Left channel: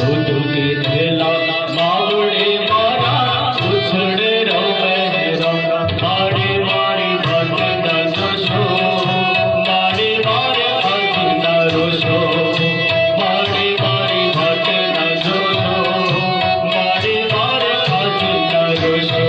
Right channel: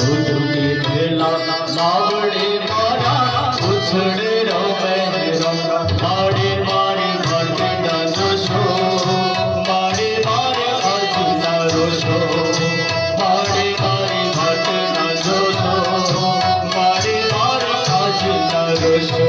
दूध पीधेला मावड़े मारा उछड़े रवे मारे मारे भाटे ना जोशो मारे मारे भाटे ना रोशो मारे मारे भाटे ना जोशो मारे मारे भाटे ना रोशो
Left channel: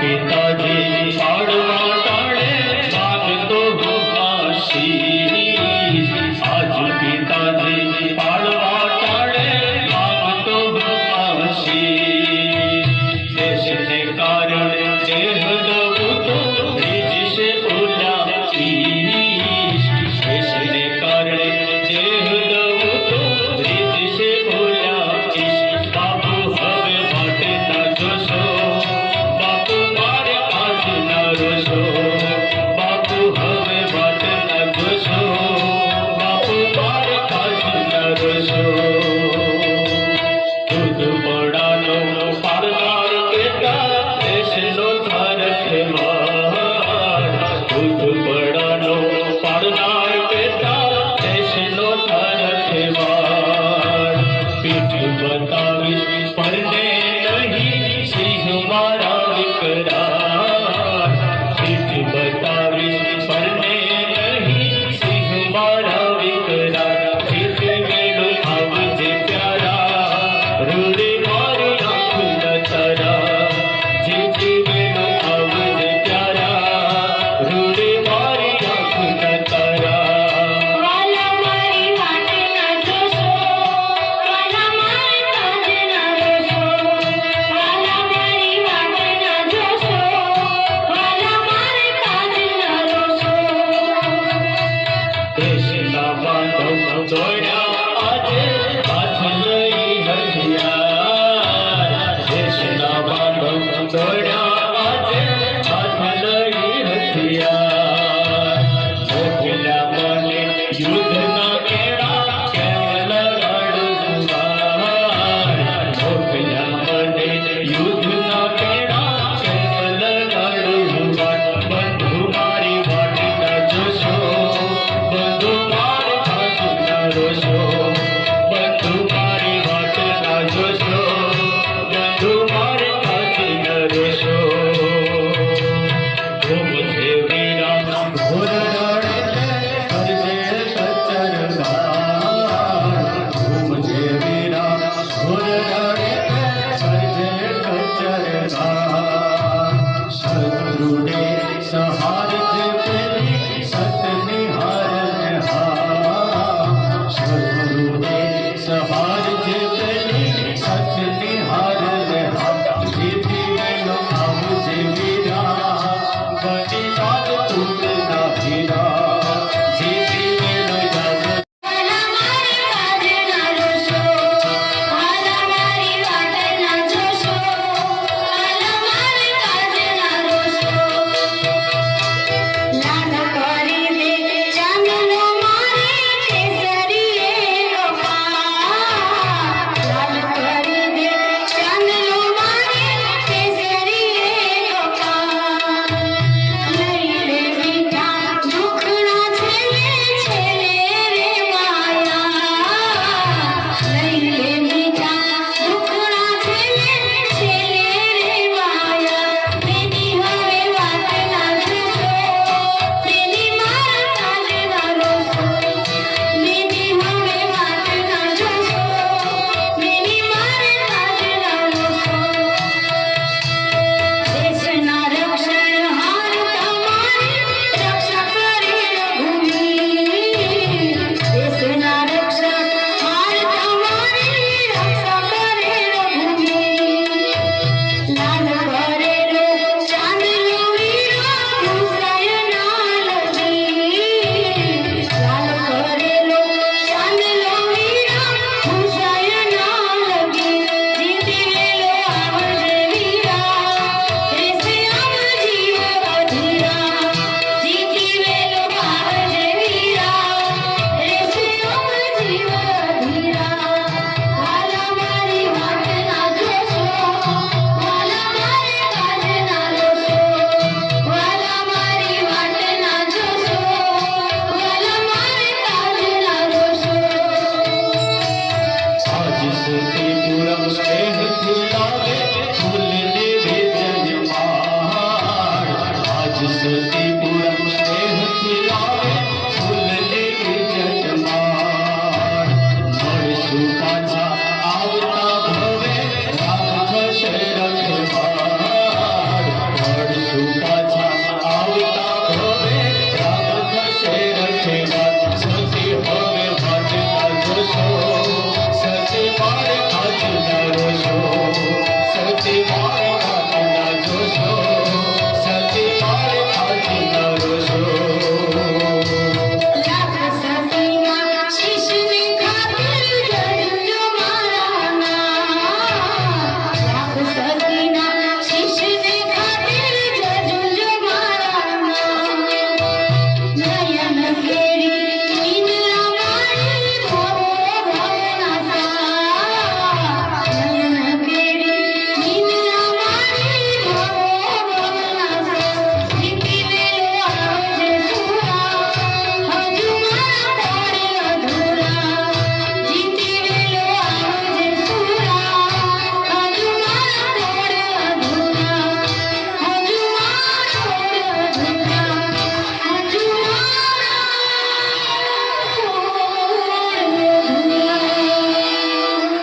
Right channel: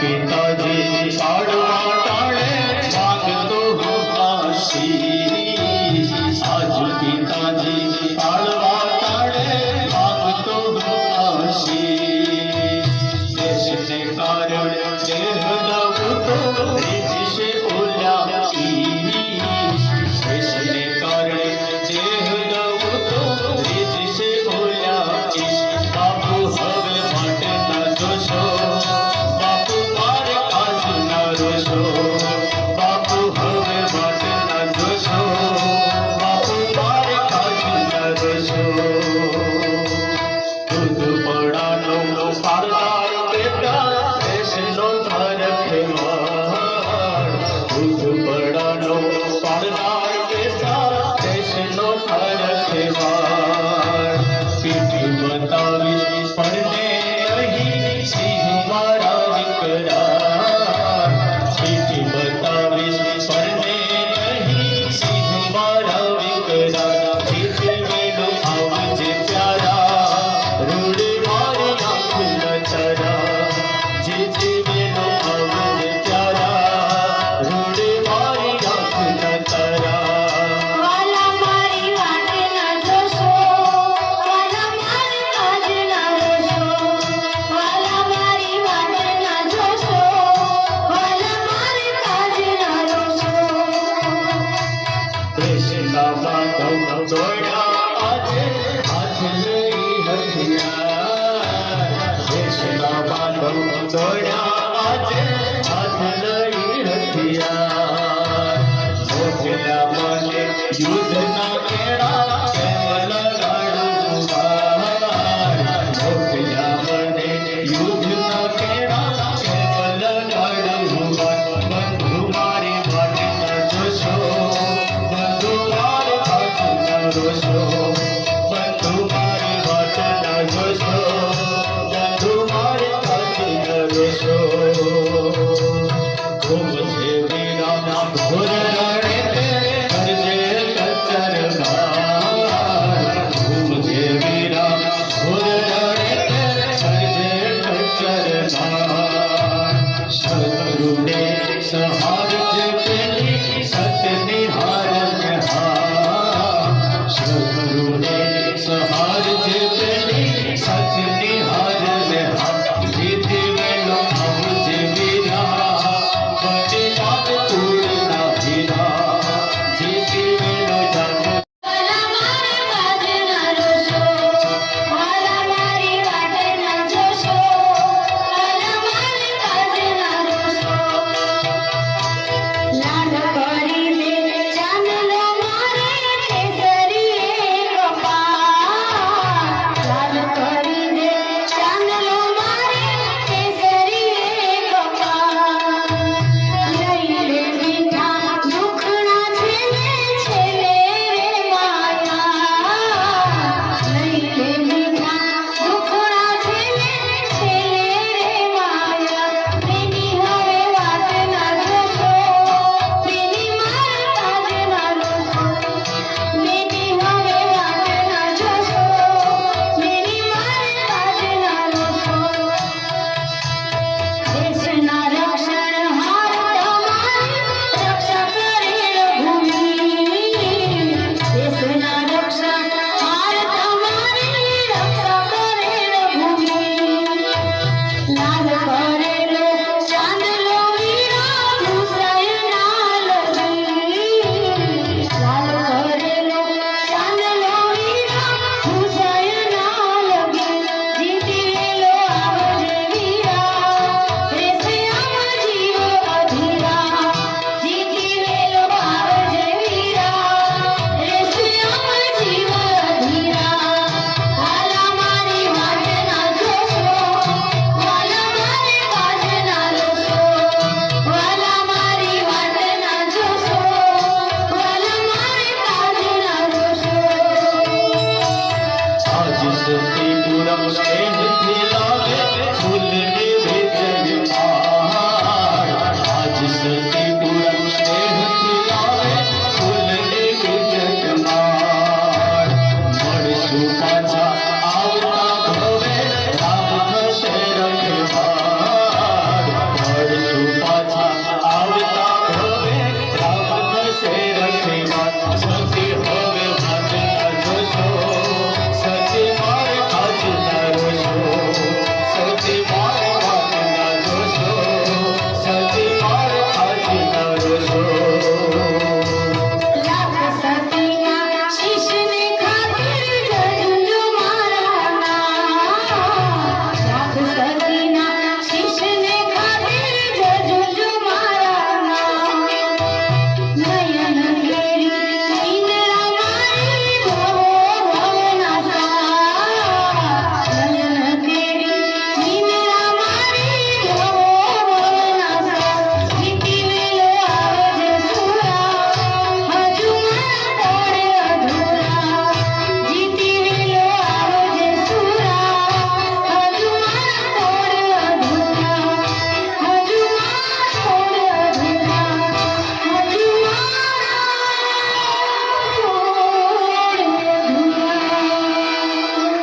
पिताजी पाड़वा ताड़े मांगतो आशीष आज पिताजी पाड़वा ताड़े मांगतो आशीष देश ने कारण देह दबुतो रिज से बोला ईश देश ने कारण देह दबुतो रिज से बोला ईश बापू हवे भाटे ना जोशो बापू हवे भाटे ना जोशो बापू मारे काजी ना रोशो दूध पड़ानो पारदार बेटा देश नो थार खेवार दूध पड़ानो पारदार बेटा देश नो थार खेवार पीठ बतावीस परने नहीं सिंह मारा विकरार पीठ बतावीस परने नहीं सिंह मारा विकरार जीत मेलो आवजे प्यारा रूड़े मारी आँख नचारा जीत मेलो आवजे प्यारा रूड़े मारी आँख नचारा देशना बांधो दौड़ा आजे हाथ लई हथियार देशना बांधो दौड़ा आजे हाथ लई हथियार मोठना मने युद्ध ना केड़ा केवल लड़वार मोठना मने युद्ध ना केड़ा केवल लड़वार बंधु मारी भाटे ना जोशो रोशो बंधु मारी भाटे ना जोशो बंधु मारे भाटे ना रोशो घूम से वीरा आज सती पूरम स्नेह खिलावे फूल निवेदन मार। आज सती पूरम स्नेह खिलावे फूल निवेदन मार। મળશું પાછા આવતા ભવે રામ થશે રખવાળ। મળશું પાછા આવતા ભવે રામ થશે રખવાળ। સતી હવે વાંચતા જોશો સતી મારે વાંચતા રોશો। સતી મારે વાંચતા જોશો સતી મારે વાંચતા રોશો।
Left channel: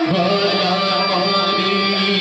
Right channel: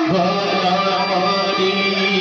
ભલા મારી